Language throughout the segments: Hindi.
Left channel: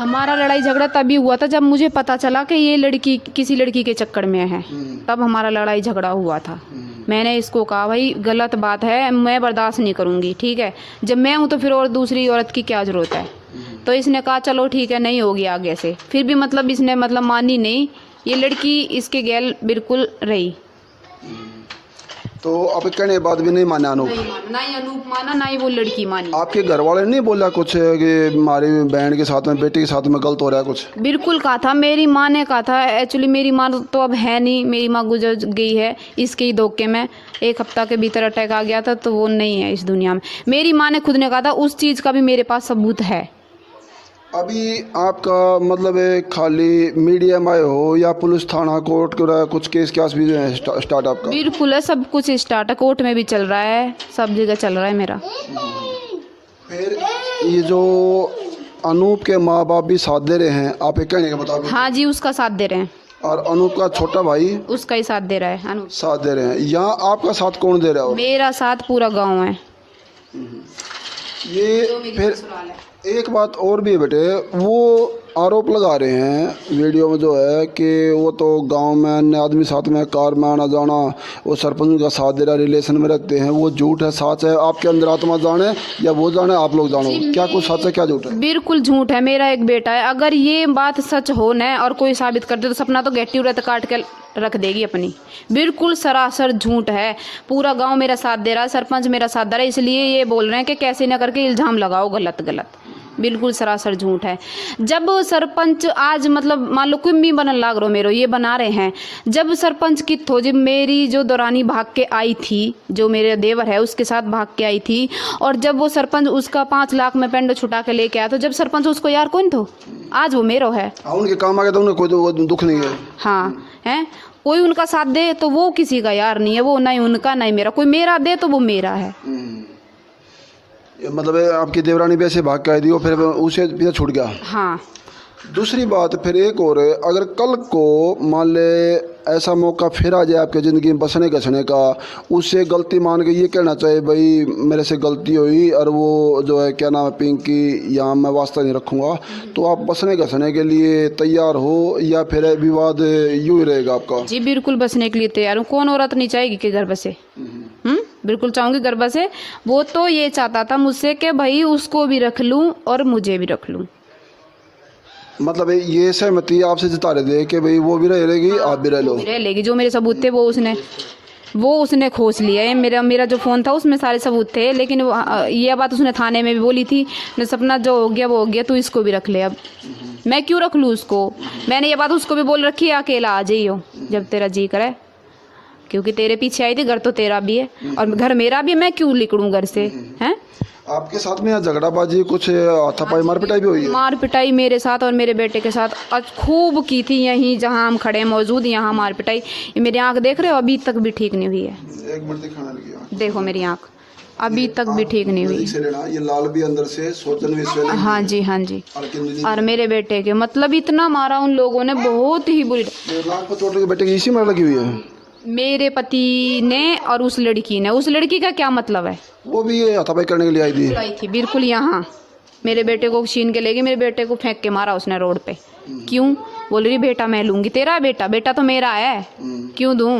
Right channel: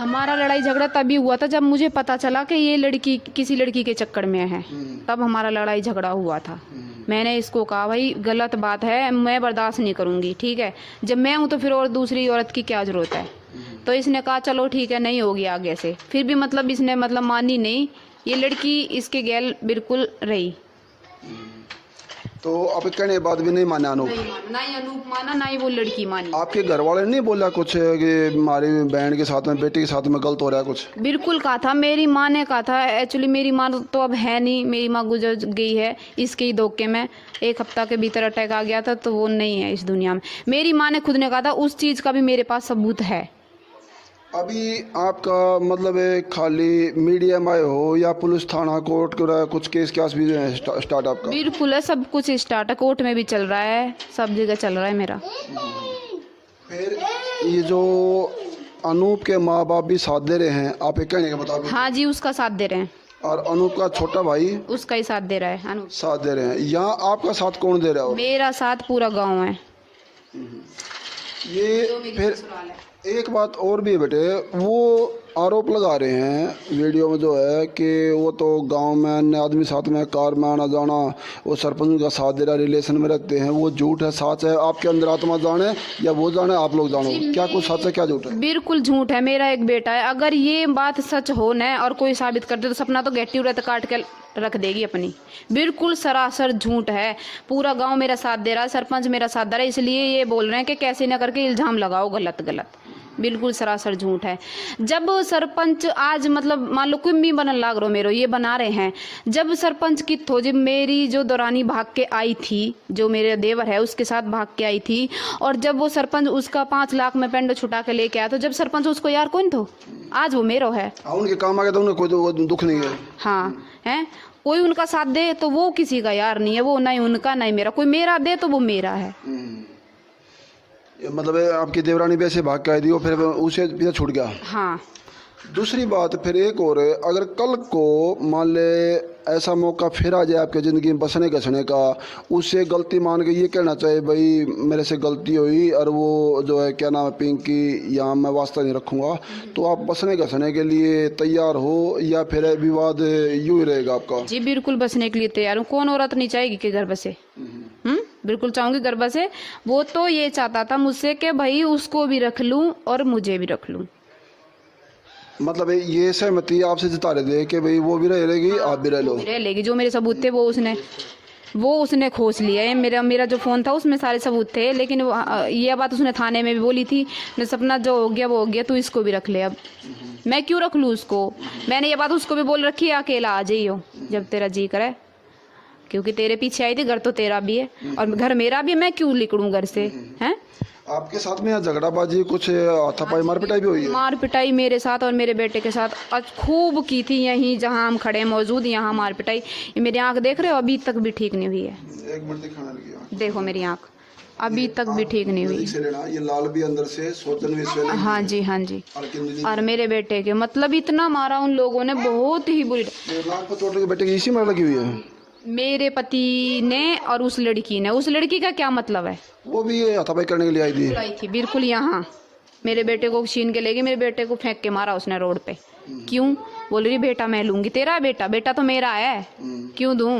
हमारा लड़ाई झगड़ा तभी हुआ था जब मुझे पता चला कि ये लड़की किसी लड़की के चक्कर में है, तब हमारा लड़ाई झगड़ा हुआ था। मैंने इसको कहा भाई गलत बात है, मैं बर्दाश्त नहीं करूँगी, ठीक है, जब मैं हूँ तो फिर और दूसरी औरत की क्या ज़रूरत है। तो इसने कहा चलो ठीक है, नहीं होगी आगे से। फिर भी मतलब इसने मतलब मानी नहीं, ये लड़की इसके गैल बिल्कुल रही। तो अब कहने के बाद भी नहीं माना अनूप? ना ही अनूप माना, ना ही वो लड़की मानी। आपके घर वाले ने नहीं बोला कुछ कि हमारी बहन के साथ में, बेटी के साथ में गलत हो रहा है कुछ? बिल्कुल कहा था, मेरी माँ ने कहा था। एक्चुअली मेरी माँ तो अब है नहीं, मेरी माँ गुजर गई है इसके ही धोखे में। 1 हफ्ता के भीतर अटैक आ गया था, तो वो नहीं है इस दुनिया में। मेरी माँ ने खुद ने कहा था, उस चीज़ का भी मेरे पास सबूत है। अभी आपका मतलब है खाली मीडिया में हो या पुलिस थाना कोर्ट कुछ केस भी स्टार्ट आपका? बिल्कुल है, सब कुछ स्टार्ट है, कोर्ट में भी चल रहा है, सब जगह चल रहा है मेरा। फिर ये जो अनूप के माँ बाप भी साथ दे रहे हैं आप एक कहने का मुताबिक? हाँ जी, उसका साथ दे रहे हैं। और अनूप का छोटा भाई उसका ही साथ दे रहा है। अनूप साथ दे रहे हैं। यहाँ आपका साथ कौन दे रहा है? मेरा साथ पूरा गाँव है। ये फिर एक बात और भी है बेटे, वो आरोप लगा रहे हैं वीडियो में जो है कि वो तो गांव में अन्य आदमी साथ में कार में आना जाना, वो सरपंच का साथ दे रहा, रिलेशन में रखते हैं। वो झूठ है सच है? आपके अंदर आत्मा जाने या वो जाने, आप लोग जानो, क्या कुछ सच है क्या झूठ है? बिल्कुल झूठ है। मेरा एक बेटा है, अगर ये बात सच हो न और कोई साबित कर दे तो सपना तो गट्टी उड़त काट के रख देगी अपनी। बिल्कुल सरासर झूठ है। पूरा गांव मेरा साथ दे रहा है, सरपंच मेरा साथ दे रहा है, इसलिए ये बोल रहे हैं कि कैसे न करके इल्जाम लगाओ गलत गलत। बिल्कुल सरासर झूठ है। जब सरपंच आज मतलब मान लो कोई भी बनन लाग रो मेरो, ये बना रहे हैं, जब सरपंच की थो, जब मेरी जो दौरानी भाग के आई थी, जो मेरे देवर है उसके साथ भाग के आई थी, और जब वो सरपंच उसका 5 लाख में पेंडो छुटा के लेके आया, तो जब सरपंच उसको यार कौन थो, आज वो मेरो है। उनके काम आ गया तो उन्हें कोई दुख नहीं है। हाँ है, कोई उनका साथ दे तो वो किसी का यार नहीं है, वो नहीं उनका नहीं मेरा, कोई मेरा दे तो वो मेरा है। मतलब आपकी देवरानी भी ऐसे भाग के आई थी, वो फिर उसे पीछे छूट गया। हाँ। दूसरी बात फिर एक और है, अगर कल को मान ले ऐसा मौका फिर आ जाए आपके ज़िंदगी में बसने घसने का, उससे गलती मान के ये कहना चाहिए भाई मेरे से गलती हुई और वो जो है क्या नाम है पिंकी, यहाँ मैं वास्ता नहीं रखूँगा, तो आप बसने घसने के लिए तैयार हो या फिर विवाद यूँ ही रहेगा आपका? जी बिल्कुल बसने के लिए तैयार हूँ। कौन औरत नहीं चाहेगी कि घर बसे? बिल्कुल चाहूँगी घर बसे। वो तो ये चाहता था मुझसे कि भाई उसको भी रख लूँ और मुझे भी रख लूँ। मतलब ये सहमति आपसे जता रहे थे कि भाई वो भी रह लेगी आप भी रह लो? रह लेगी। जो मेरे सबूत थे वो उसने खोज लिया है। मेरा जो फ़ोन था उसमें सारे सबूत थे, लेकिन ये बात उसने थाने में भी बोली थी, सपना जो हो गया वो हो गया, तू इसको भी रख ले। अब मैं क्यों रख लूँ उसको? मैंने ये बात उसको भी बोल रखी है, अकेला आ जाइयो जब तेरा जी करे, क्योंकि तेरे पीछे आई थी, घर तो तेरा भी है और घर मेरा भी है, मैं क्यों निकलूँ घर से? हैं आपके साथ में झगड़ाबाजी कुछ हाथापाई मार पिटाई भी हुई है? मार पिटाई मेरे साथ और मेरे बेटे के साथ खूब की थी। यहीं जहां हम खड़े मौजूद, यहाँ मार पिटाई। ये मेरी आंख देख रहे हो, अभी तक भी ठीक नहीं हुई है। एक मिनट दिखाने लगी, देखो मेरी आंख अभी तक भी ठीक नहीं हुई। ये लाल भी अंदर से सोचन में हाँ जी हाँ जी। और मेरे बेटे के मतलब इतना मारा उन लोगों ने, बहुत ही बुरी। बेटे की इसी मार लगी हुई है मेरे पति ने और उस लड़की ने। उस लड़की का क्या मतलब है? वो भी हाथापाई करने के लिए आई थी। बिल्कुल यहाँ मेरे बेटे को छीन के लेगी, मेरे बेटे को फेंक के मारा उसने रोड पे। क्यों? बोल रही बेटा मैं लूंगी। तेरा बेटा तो मेरा है, क्यों दूं?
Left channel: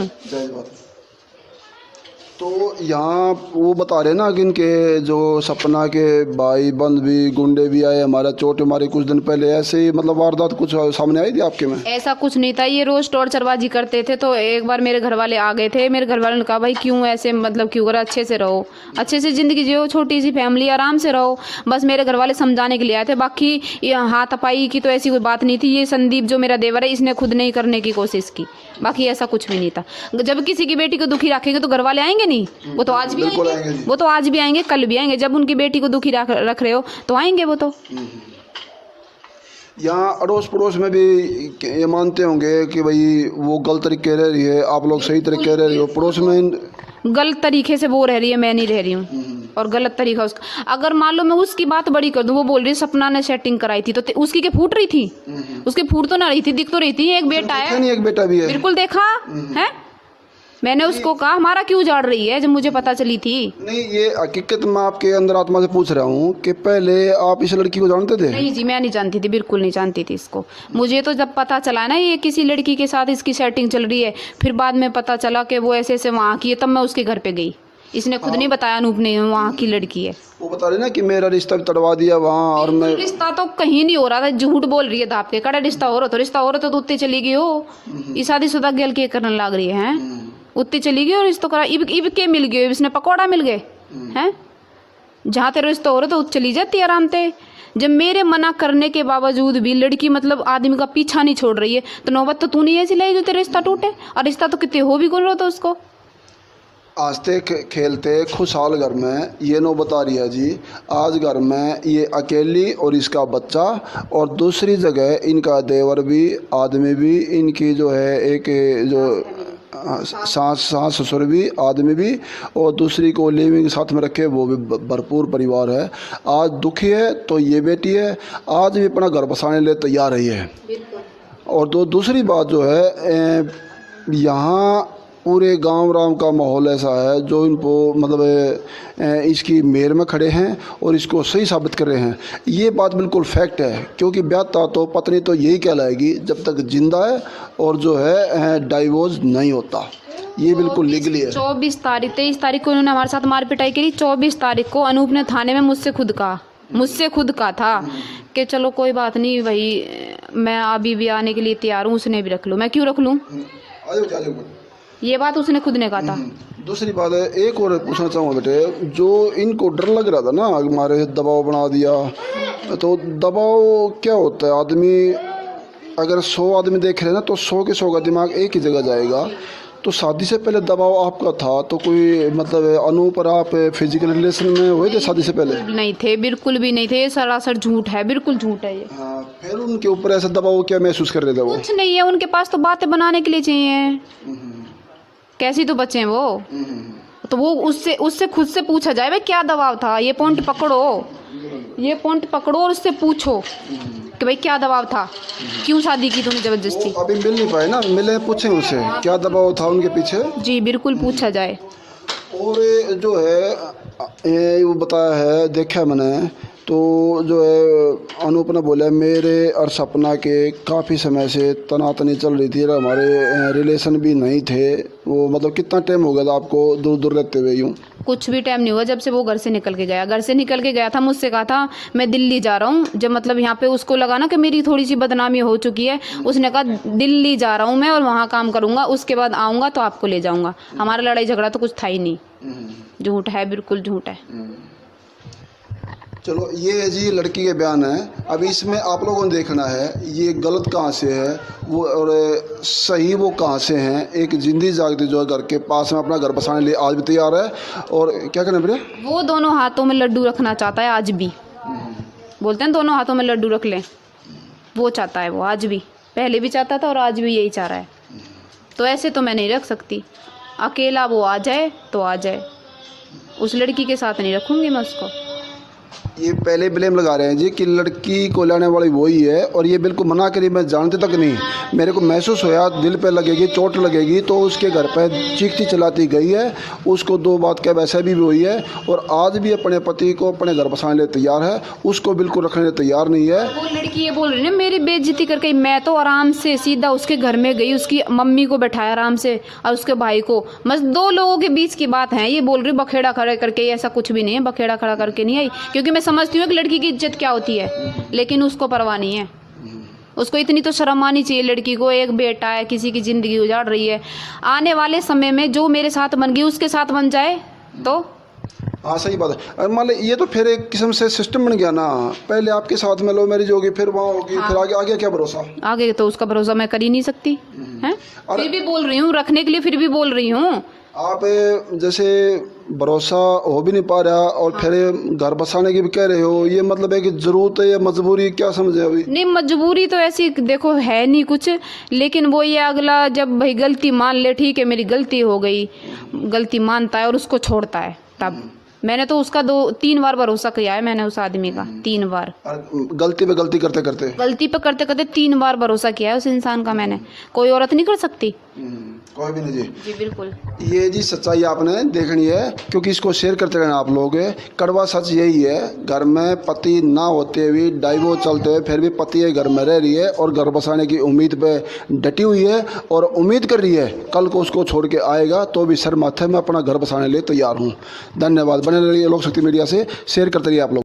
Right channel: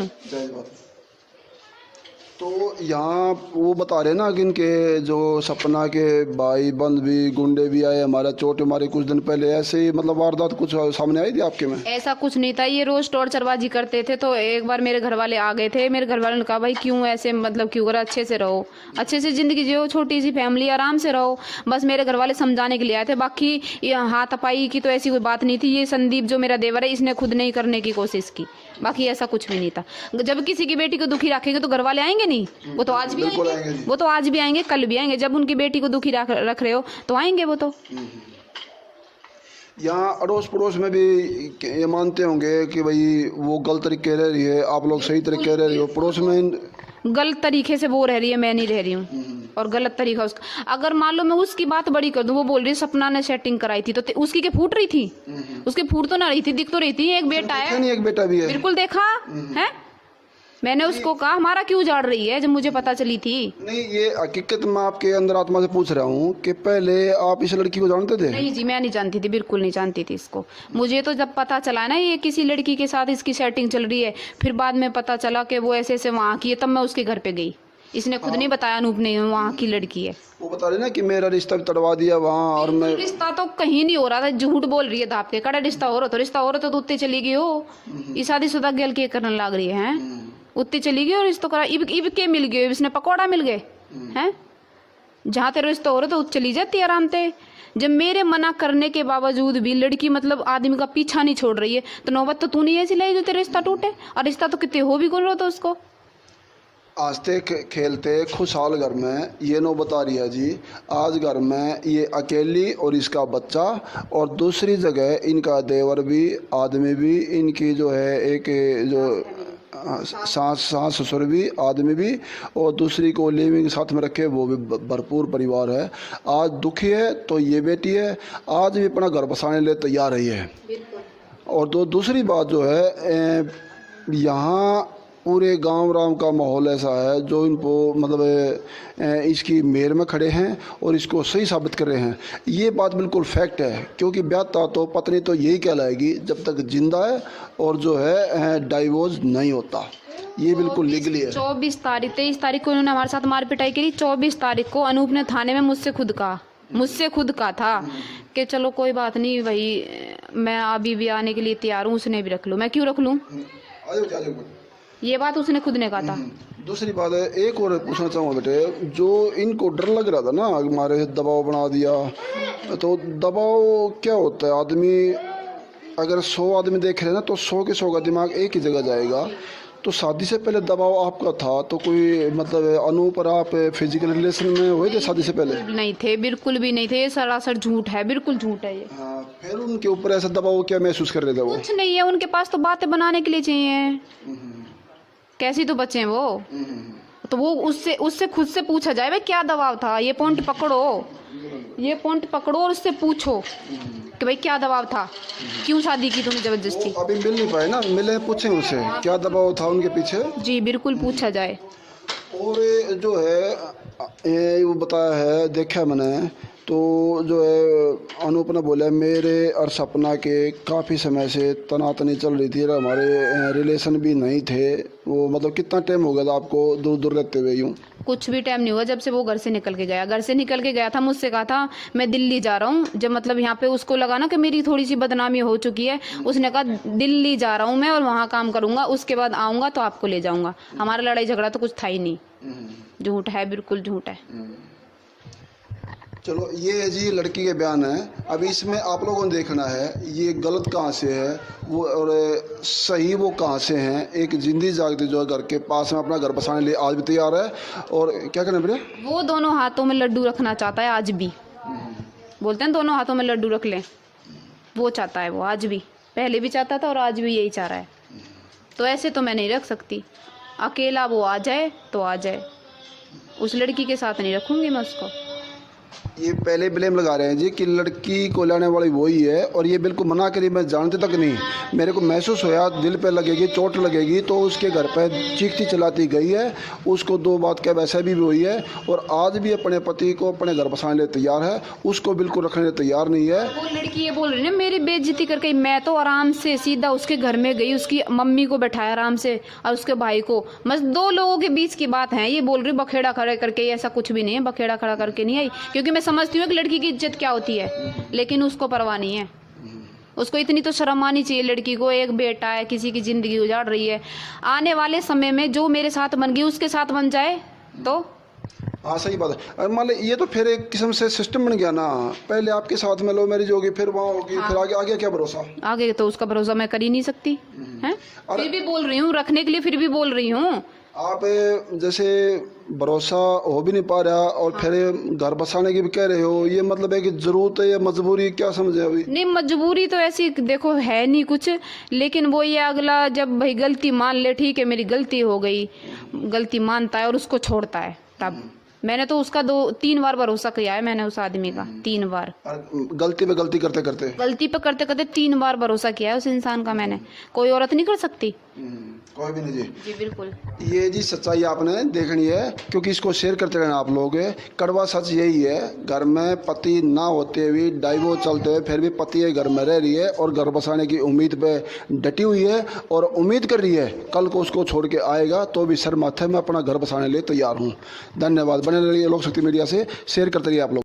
तो यहाँ वो बता रहे ना कि इनके जो सपना के भाई बंद भी गुंडे भी आए, हमारा चोट मारी कुछ दिन पहले, ऐसे ही मतलब वारदात कुछ सामने आई थी आपके में? ऐसा कुछ नहीं था, ये रोज टॉर्चरबाजी करते थे। तो एक बार मेरे घर वाले आ गए थे, मेरे घर वालों ने कहा भाई क्यों ऐसे मतलब क्यों करा, अच्छे से रहो, अच्छे से जिंदगी जियो, छोटी सी फैमिली, आराम से रहो। बस मेरे घर वाले समझाने के लिए आए थे, बाकी हाथापाई की तो ऐसी कोई बात नहीं थी। ये संदीप जो मेरा देवर है, इसने खुद नहीं करने की कोशिश की, बाकी ऐसा कुछ भी नहीं था। जब किसी की बेटी को दुखी रखेंगे तो घर वाले आएंगे नहीं? वो तो आज भी आएंगे, वो तो आज भी आएंगे, कल भी आएंगे। जब उनकी बेटी को दुखी रख रहे हो तो आएंगे वो तो। यहाँ अड़ोस पड़ोस में भी ये मानते होंगे कि भाई वो गलत तरीके रह रही है, आप लोग सही तरीके रह रही हो। पड़ोस में गलत तरीके से वो रह रही है, मैं नहीं रह रही हूँ, और गलत तरीका उसका। अगर मान लो मैं उसकी बात बड़ी कर दूं, वो बोल रही सपना ने सेटिंग कराई थी, तो उसकी क्या फूट रही थी? उसकी फूट तो ना रही थी, दिख तो रही थी। एक बेटा है, नहीं एक बेटा भी है। बिल्कुल देखा है। मैंने उसको कहा हमारा क्यों उजाड़ रही है, जब मुझे पता चली थी। नहीं, ये हकीकत मैं आपके अंदर आत्मा से पूछ रहा हूँ कि पहले आप इस लड़की को जानते थे? नहीं जी, मैं नहीं जानती थी, बिल्कुल नहीं जानती थी इसको। मुझे तो जब पता चला ना ये किसी लड़की के साथ इसकी सेटिंग चल रही है, फिर बाद में पता चला कि वो ऐसे ऐसे वहाँ की है, तब मैं उसके घर पे गई। इसने खुद नहीं बताया, अनूप ने, वहाँ की लड़की है। वो बता रही ना कि मेरा रिश्ता भी तड़वा दिया वहाँ, और मैं रिश्ता तो कहीं नहीं हो रहा था, झूठ बोल रही है धाप के। कड़ा रिश्ता हो रहा तो उत्ते चली गई हो। ये शादीशुदा गल के करने लग रही है, उत्ते चली गई और रिश्ता करा। इब के मिल गए, इसने पकौड़ा मिल गए हैं। जहाँ तेरा रिश्ता हो रहा तो चली जाती आराम से। जब मेरे मना करने के बावजूद भी लड़की मतलब आदमी का पीछा नहीं छोड़ रही है, तो नौबत तो तू नहीं ऐसी लाई जो तेरा रिश्ता टूटे। और रिश्ता तो कितने हो भी कौन रहा था उसको। हंसते खेलते खुशहाल घर में ये नौबत आ रही है जी। आज घर में ये अकेली और इसका बच्चा, और दूसरी जगह इनका देवर भी, आदमी भी, इनकी जो है एक जो सास ससुर भी, आदमी भी, और दूसरी को लिविंग साथ में रखे वो भी भरपूर परिवार है। आज दुखी है तो ये बेटी है, आज भी अपना घर बसाने लिए तैयार रही है। और दूसरी बात जो है, यहाँ पूरे गांव राम का माहौल ऐसा है जो इनको मतलब इसकी मेर में खड़े हैं और इसको सही साबित कर रहे हैं। ये बात बिल्कुल फैक्ट है, क्योंकि ब्याहता तो पत्नी तो यही कहलाएगी जब तक जिंदा है और जो है डाइवोर्स नहीं होता। ये बिल्कुल लीगली है। 23 तारीख को इन्होंने हमारे साथ मार पिटाई करी। 24 तारीख को अनूप ने थाने में मुझसे खुद कहा था कि चलो कोई बात नहीं भाई, मैं अभी भी आने के लिए तैयार हूँ, उसने भी रख लूँ। मैं क्यों रख लूँ, ये बात उसने खुद ने कहा था। दूसरी बात है, एक और पूछना चाहूँगा बेटे, जो इनको डर लग रहा था ना हमारे दबाव बना दिया, तो दबाव क्या होता है? आदमी अगर 100 आदमी देख रहे हैं ना, तो 100 के 100 का दिमाग एक ही जगह जाएगा। तो शादी से पहले दबाव आपका था तो कोई मतलब अनूप और आप फिजिकल रिलेशन में हुए थे शादी से पहले? नहीं थे, बिल्कुल भी नहीं थे। ये सरासर झूठ है, बिल्कुल झूठ है ये। हाँ, फिर उनके ऊपर ऐसा दबाव क्या महसूस कर रहे थे वो? कुछ नहीं है, उनके पास तो बातें बनाने के लिए चाहिए। कैसी तो बच्चे हैं वो, तो वो उससे खुद से पूछा जाए भाई क्या दबाव था। ये पॉइंट पकड़ो और उससे पूछो कि भाई क्या दबाव था, क्यों शादी की तूने जबरदस्ती। अभी मिल नहीं पाए ना, मिले पूछे उनसे क्या दबाव था उनके पीछे। जी बिल्कुल पूछा जाए। और जो है ये वो बताया है, देखा मैंने, तो जो है अनूप ने बोला मेरे और सपना के काफ़ी समय से तनातनी चल रही थी, हमारे रिलेशन भी नहीं थे। वो मतलब कितना टाइम हो गया था आपको दूर दूर रहते हुए? यूँ कुछ भी टाइम नहीं हुआ, जब से वो घर से निकल के गया था। मुझसे कहा था मैं दिल्ली जा रहा हूँ। जब मतलब यहाँ पे उसको लगा ना कि मेरी थोड़ी सी बदनामी हो चुकी है, उसने कहा दिल्ली जा रहा हूँ मैं और वहाँ काम करूँगा, उसके बाद आऊँगा तो आपको ले जाऊँगा। हमारा लड़ाई झगड़ा तो कुछ था ही नहीं। झूठ है, बिल्कुल झूठ है। चलो ये है जी लड़की के बयान है। अब इसमें आप लोगों ने देखना है ये गलत कहाँ से है वो और सही वो कहाँ से हैं। एक जिंदी जागती जो है घर के पास में अपना घर बसाने लिए आज भी तैयार है। और क्या कहना बेटा? वो दोनों हाथों में लड्डू रखना चाहता है आज भी। बोलते हैं दोनों हाथों में लड्डू रख लें, वो चाहता है, वो आज भी, पहले भी चाहता था और आज भी यही चाह रहा है। तो ऐसे तो मैं नहीं रख सकती, अकेला वो आ जाए तो आ जाए, उस लड़की के साथ नहीं रखूँगी मैं उसको। ये पहले ब्लेम लगा रहे हैं जी कि लड़की को लाने वाली वही है, और ये बिल्कुल मना करी, मैं जानते तक नहीं, मेरे को महसूस होया दिल पे लगेगी, चोट लगेगी, तो उसके घर पे चीखती चलाती गई है। उसको 2 बात क्या वैसे भी वही है, और आज भी अपने पति को अपने घर बसाने लिए तैयार है, उसको बिल्कुल रखने लिए तैयार नहीं है। वो लड़की ये बोल रही है मेरी बेइज्जती करके, मैं तो आराम से सीधा उसके घर में गई, उसकी मम्मी को बैठाया आराम से और उसके भाई को, बस 2 लोगों के बीच की बात है। ये बोल रही बखेड़ा खड़े करके, ऐसा कुछ भी नहीं है, बखेड़ा खड़ा करके नहीं आई, क्योंकि मैं समझती हूँ कि लड़की की इज्जत क्या होती है, लेकिन उसको परवाह नहीं है। उसको इतनी तो शर्म आनी चाहिए लड़की को, एक बेटा है, किसी की जिंदगी उजाड़ रही है। आने वाले समय में जो मेरे साथ बन गई उसके साथ बन जाए तो। हाँ सही बात है। मान लो ये तो फिर एक किस्म से सिस्टम बन गया ना, पहले आपके साथ में लो मैरिज होगी, फिर वहाँ होगी, फिर आगे क्या भरोसा? आगे तो उसका भरोसा मैं कर ही नहीं सकती है। फिर भी बोल रही हूँ रखने के लिए, फिर भी बोल रही हूँ। आप जैसे भरोसा हो भी नहीं पा रहा और फिर घर बसाने की भी कह रहे हो, ये मतलब है कि जरूरत है या मजबूरी, क्या समझे अभी? नहीं, मजबूरी तो ऐसी देखो है नहीं कुछ, लेकिन वो ये अगला जब भाई गलती मान ले, ठीक है मेरी गलती हो गई, गलती मानता है और उसको छोड़ता है, तब मैंने तो उसका 2-3 बार भरोसा किया है मैंने उस आदमी का, 3 बार। और गलती पे गलती करते करते गलती पे करते करते 3 बार भरोसा किया है उस इंसान का मैंने। कोई औरत नहीं कर सकती। कोई भी नहीं जी। जी बिल्कुल। ये जी सच्चाई आपने देखनी है, क्योंकि इसको शेयर करते रहना आप लोग। कड़वा सच यही है, घर में पति ना होते हुए, डाइवोर्स चलते हुए, फिर भी पति घर में रह रही है और घर बसाने की उम्मीद पे डटी हुई है और उम्मीद कर रही है कल को उसको छोड़ के आएगा तो भी सर माथे में अपना घर बसाने के लिए तैयार हूँ। धन्यवाद। बने रहिए लोक शक्ति मीडिया से, शेयर करते रहिए आप लोग।